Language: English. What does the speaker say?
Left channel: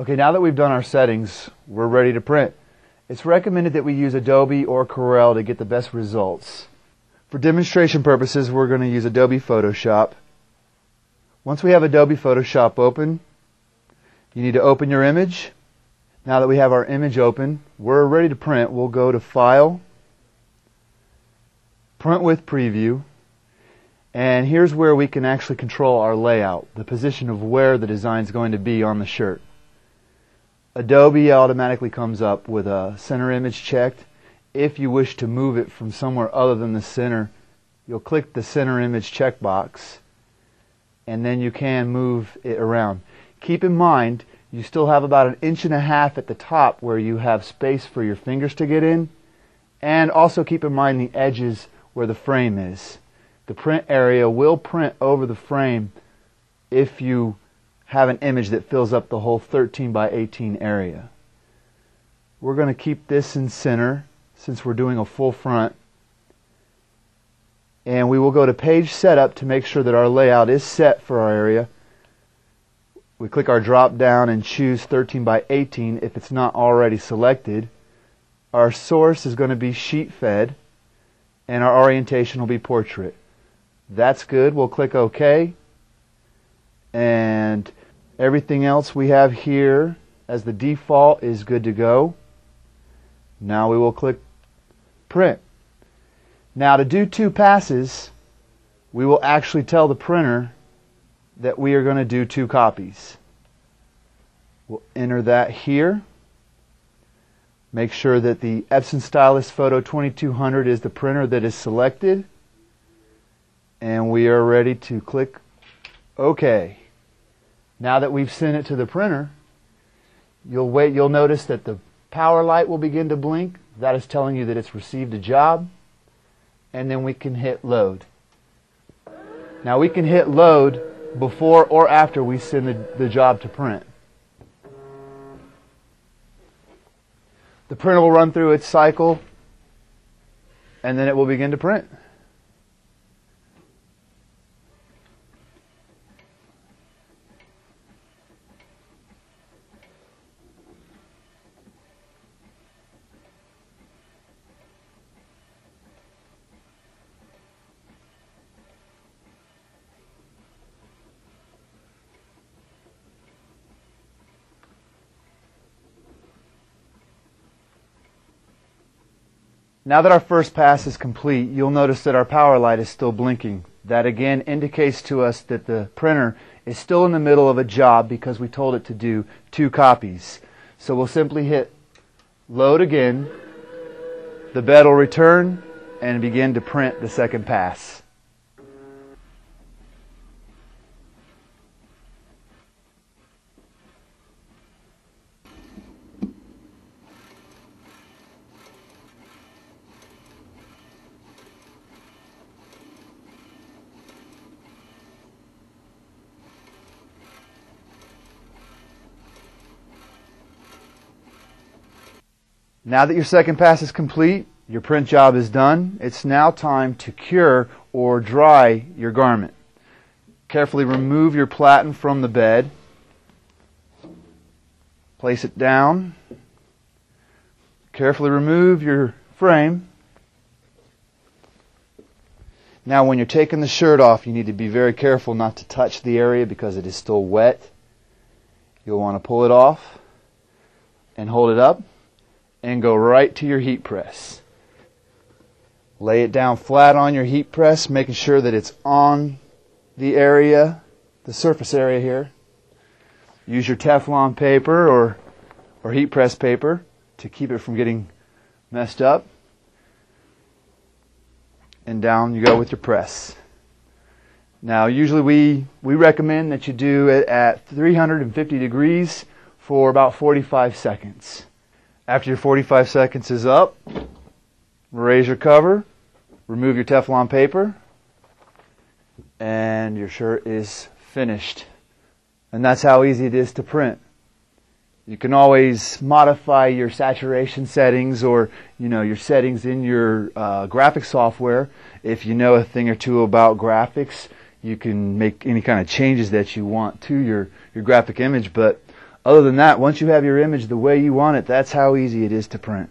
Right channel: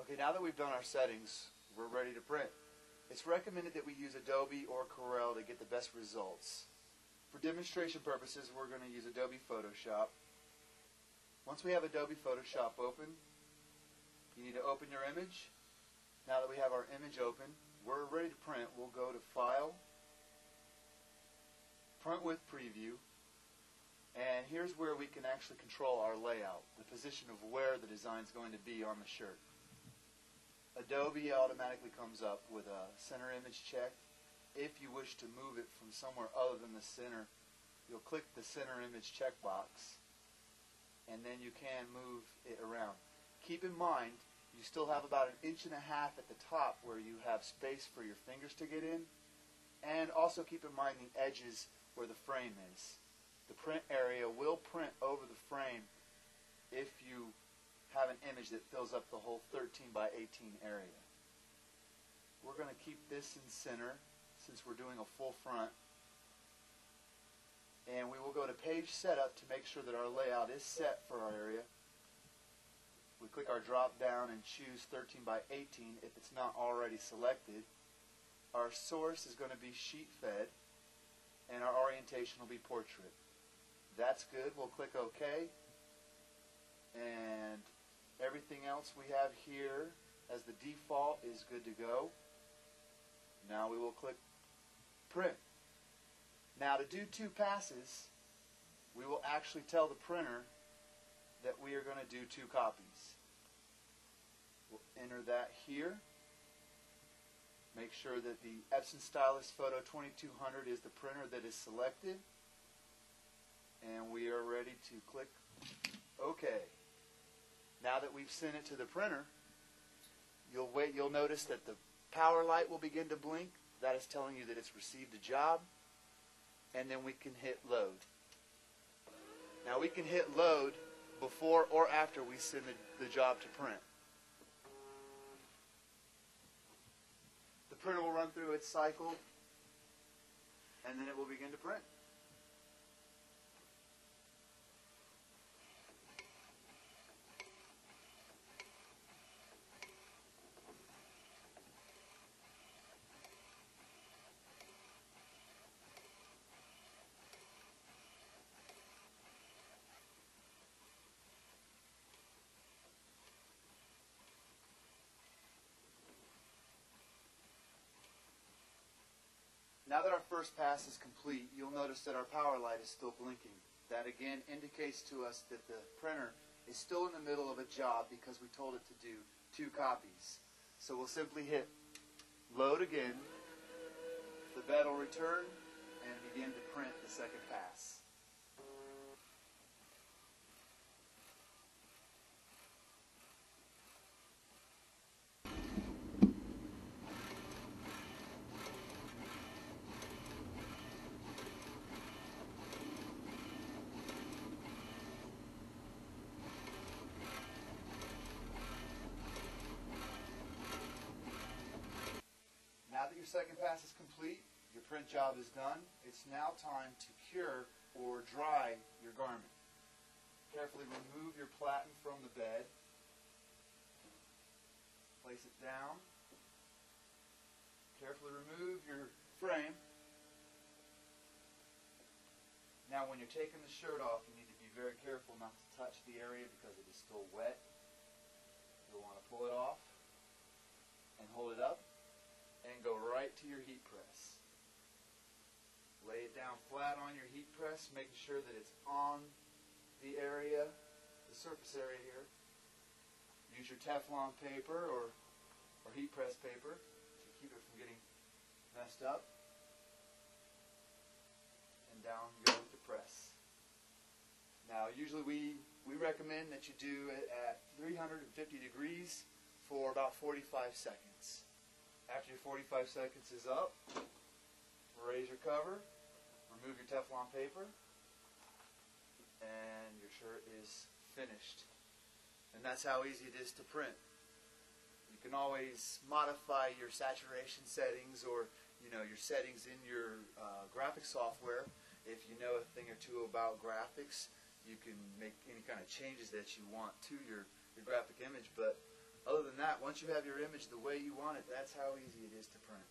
Okay, now that we've done our settings, we're ready to print. It's recommended that we use Adobe or Corel to get the best results. For demonstration purposes, we're going to use Adobe Photoshop. Once we have Adobe Photoshop open, you need to open your image. Now that we have our image open, we're ready to print. We'll go to File, Print with Preview, and here's where we can actually control our layout, the position of where the design is going to be on the shirt. Adobe automatically comes up with a center image checked. If you wish to move it from somewhere other than the center, you'll click the center image checkbox, and then you can move it around. Keep in mind, you still have about 1.5 inches at the top where you have space for your fingers to get in, and also keep in mind the edges where the frame is. The print area will print over the frame if you have an image that fills up the whole 13 by 18 area. We're going to keep this in center since we're doing a full front, and we will go to Page Setup to make sure that our layout is set for our area. We click our drop down and choose 13 by 18 if it's not already selected. Our source is going to be sheet fed, and our orientation will be portrait. That's good. We'll click OK, and everything else we have here as the default is good to go. Now we will click Print. Now to do 2 passes, we will actually tell the printer that we are going to do 2 copies. We'll enter that here. Make sure that the Epson Stylus Photo 2200 is the printer that is selected, and we are ready to click OK. Now that we've sent it to the printer, you'll notice that the power light will begin to blink. That is telling you that it's received a job, and then we can hit load. Now we can hit load before or after we send the job to print. The printer will run through its cycle, and then it will begin to print. Now that our first pass is complete, you'll notice that our power light is still blinking. That again indicates to us that the printer is still in the middle of a job because we told it to do 2 copies. So we'll simply hit load again, the bed will return, and begin to print the second pass. Now that your second pass is complete, your print job is done, it's now time to cure or dry your garment. Carefully remove your platen from the bed. Place it down. Carefully remove your frame. Now when you're taking the shirt off, you need to be very careful not to touch the area because it is still wet. You'll want to pull it off and hold it up and go right to your heat press. Lay it down flat on your heat press, making sure that it's on the area, the surface area here. Use your Teflon paper or heat press paper to keep it from getting messed up. And down you go with your press. Now usually we recommend that you do it at 350 degrees for about 45 seconds. After your 45 seconds is up, raise your cover, remove your Teflon paper, and your shirt is finished. And that's how easy it is to print. You can always modify your saturation settings or your settings in your graphic software. If you know a thing or two about graphics, you can make any kind of changes that you want to your graphic image. But Other than that, once you have your image the way you want it, that's how easy it is to print.